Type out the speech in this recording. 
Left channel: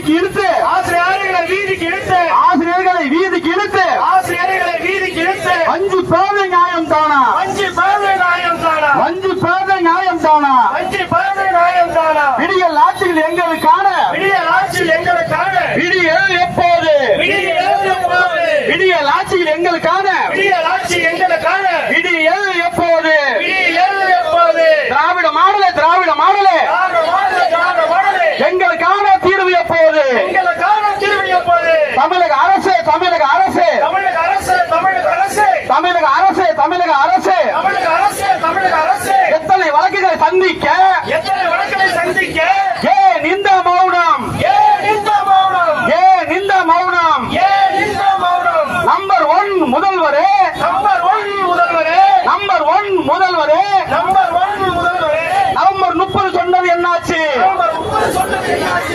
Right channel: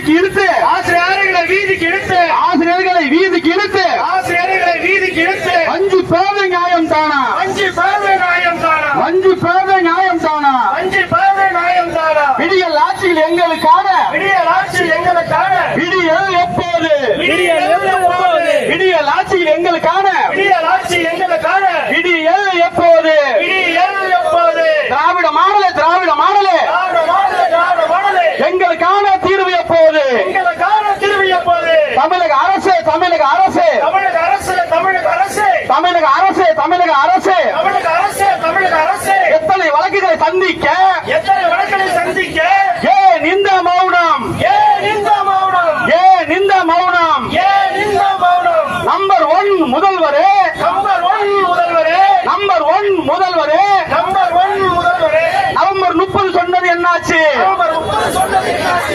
வீதிக்கு இழுத்து. ஆசிரியர்களை வீதிக்கு இழுத்து. ஆசிரியர்களை வீதிக்கு இழுத்து. ஆசிரியர்களை வீதிக்கு இழுத்து. அஞ்சு பேத நியாயம் தானா அஞ்சு பேதை நியாயம் தானா அஞ்சு பேத நியாயம் தானா அஞ்சு பேதை நியாயம் தானா விடியல் ஆட்சியில் எங்களுக்கான. விடியல் ஆட்சியில் எங்களுக்கான. விடியல் எப்போது? விடியல் எப்போது? விடியல் ஆட்சியில் எங்களுக்கான. விடியல் ஆட்சி எங்களுக்கான எங்களுக்கான தீர்வு எப்போது? எங்களுக்கான திரும்பி எப்போது? தமிழக அரசு தமிழக அரசு. தமிழக அரசு தமிழக அரசு. தமிழக அரசு தமிழக அரசு. தமிழக அரசு தமிழக அரசு. எத்தனை வழக்குகளை சந்திக்க? எத்தனை வழக்குகளை சந்திக்க? ஏன் இந்த மௌனம். ஏன் இந்த மௌனம். ஏன் இந்த மௌனம். ஏன் இந்த மௌனம். நம்பர் ஒன் முதல்வரே. நம்பர் ஒன் முதல்வரே. நம்பர் ஒன் முதல்வரே. நம்பர்